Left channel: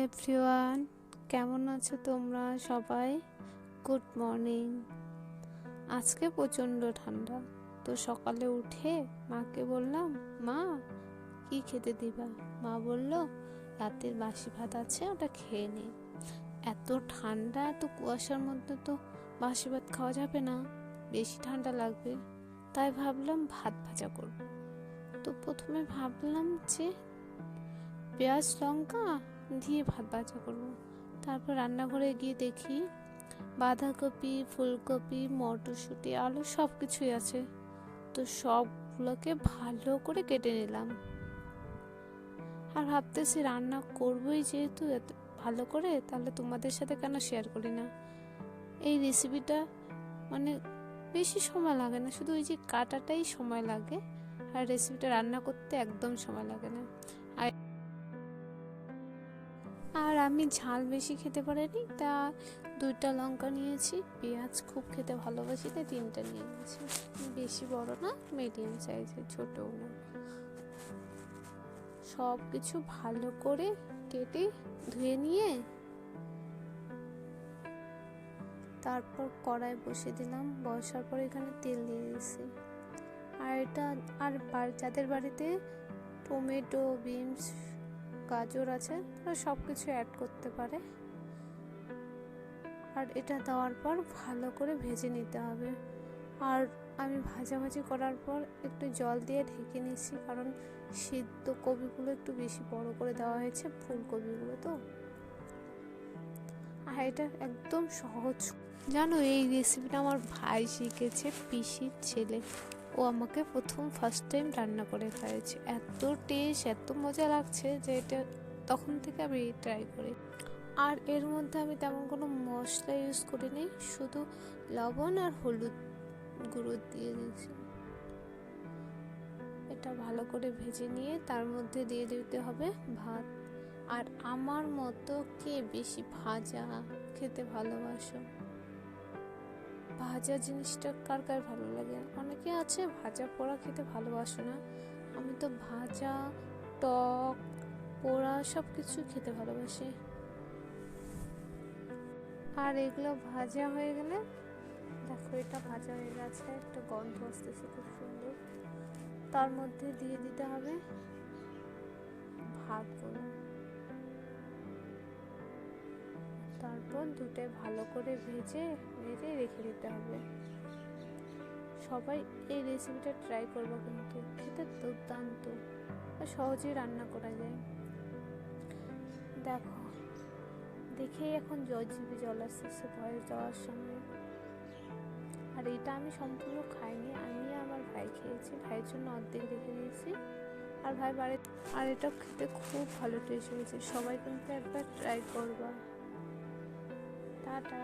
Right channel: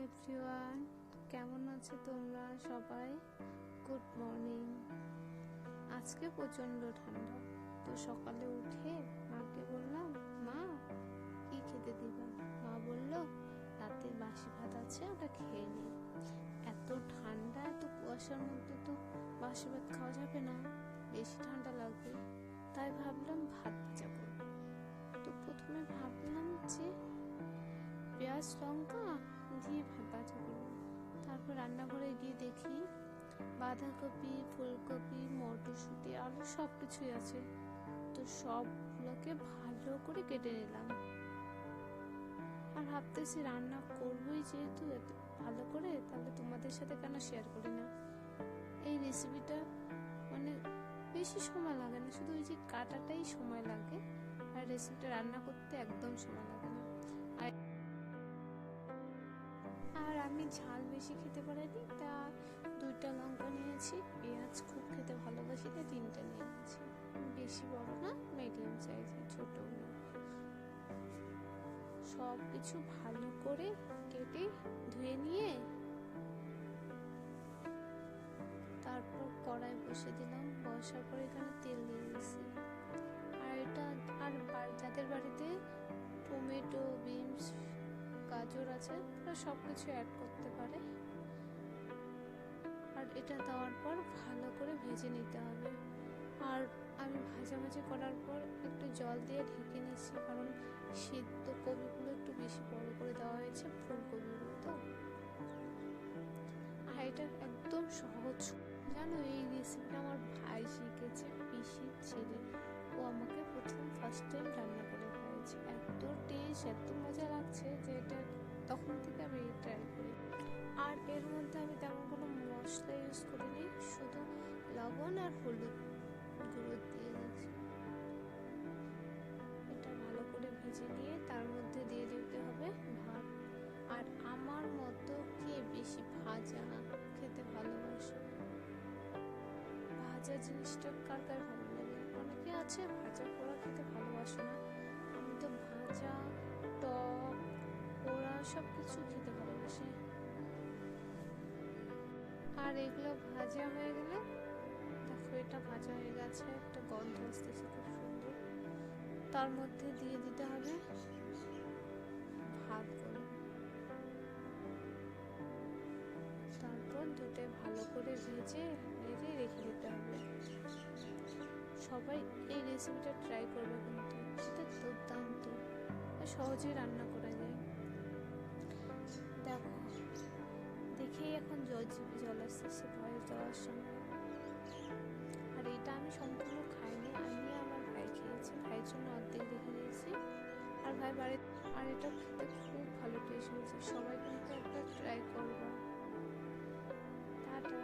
Everyone কেমন আছো তোমরা সবাই? গুড মর্নিং আজকে প্রচণ্ড ঠান্ডা। তো সকালে উঠে মাকে বললাম, মা, কি খেতে দিবা? মা বলল, রাতের বাসি ভাত আছে, ওটা খেয়ে নে। এত ঠান্ডা, এত কুয়াশার মধ্যে তো বাসি ভাত খাওয়া যাবে না। বেশি ঠান্ডা লাগবে। তাই ভাবলাম ভাত ভাজা করব। তো প্রথমে ভাবলাম যে পেঁয়াজ, লঙ্কা দিয়ে ভাত ভাজা করব। তারপর রান্নাঘরে গিয়ে দেখি বাঁধাকপি, ফুলকপি, মটরশুঁটি, আলু সব কিছুই আছে। তো সবগুলোকে ভালো করে কেটে নিলাম। আর ভাবতেছি রান্না করবোই যেহেতু এত ভালো করে, তাহলে তোমাদের সাথে কেন শেয়ার করি না? এই রেসিপিটা মানে বেশি সময় লাগে না, শুধু ওই যে কাটাটাই সময় লাগে। আর রেসিপিটা রান্না করতে একদম সময় লাগে না। আর আমি ঝাল বেশি খেতে পারিনি। তা দুইটা লঙ্কা নিয়েছি, পেঁয়াজ খুব খেতে ভালোবাসি, তাই তিনটা নিয়ে নিয়েছি। বেশি বড় না মিডিয়াম সাইজের ছোটও না। সব কিছু ভালো করে কেটে ধুয়ে নিয়ে তারপর কড়াই বসে দিলাম। বসার পর এখানে তেল দিয়ে দিয়েছি। আর এটা, আর যাদের বাড়িতে টমেটো, বিনস গাজর আছে তারা সব কিছু অ্যাড করতে পারে। আর এটা দেওয়ার পর ভালো করে ভেজে নিতে হবে। আর আমি ভাজাভাজি করার পর একটু জল দিয়ে ঢেকে নিচ্ছি কারণ সিদ্ধ কবিগুলো একটু বেশি বড় করে দেওয়া হয়েছে ফুলকপিগুলো তো। আর এটা একদম সহজ। জানো এই রেসিপিটা আমার ভাই শিখেছে, পিসির ছেলে। ও আমাকে প্রথম ফার্স্ট টাইম রান্না করে খাইয়েছে। এত টেস্ট এত মজা লাগছে যে এটা তখন থেকে আমি ট্রাই করি। আর এর মধ্যে আমি তেমন কোনো মশলা ইউজ করিনি, শুধু লবণ আর হলুদ গুঁড়ো দিয়ে দিয়েছি। এটা ভালো করে ভেজে নিয়ে তার মধ্যে দিয়ে দিতে হবে ভাত। আর আমার মতো কে বেশি ভাজা খেতে ভালোবাসো? ভাজা জিনিসটা কার কার ভালো লাগে? অনেকে আছে, ভাজা পোড়া খেতে ভালোবাসে না। আমি তো ভাজা, টক, পোড়া সব কিছু খেতে ভালোবাসি। আর এগুলো ভাজা হয়ে গেলে, দেখো এটা ভাজা হয়ে গেছে, একটা গন্ধ আসতেছে খুব সুন্দর। তার মধ্যে দিয়ে দিতে হবে ভাত ভাতগুলো। তারপর দুটো ভালো করে ভেজে ভেজে রেখে দিতে হবে। সবাই এই রেসিপিটা ট্রাই করবে কিন্তু এটা দুর্দান্ত। আর সহজেই রান্না করা যায়। দেখো দেখেই এখন জল জল আসতেছে ভয়ে যাওয়ার সঙ্গে আর এটা আমি সম্পূর্ণ খাইনি, আমি আমার ভাই খেয়েছি। ভাইয়ের জন্য অর্ধেক রেখে দিয়েছি। আর ভাই বাড়ি আর এটা খেতে খুব ভালো টেস্ট হয়েছে। সবাই কিন্তু একবার ট্রাই করবা। টাটা।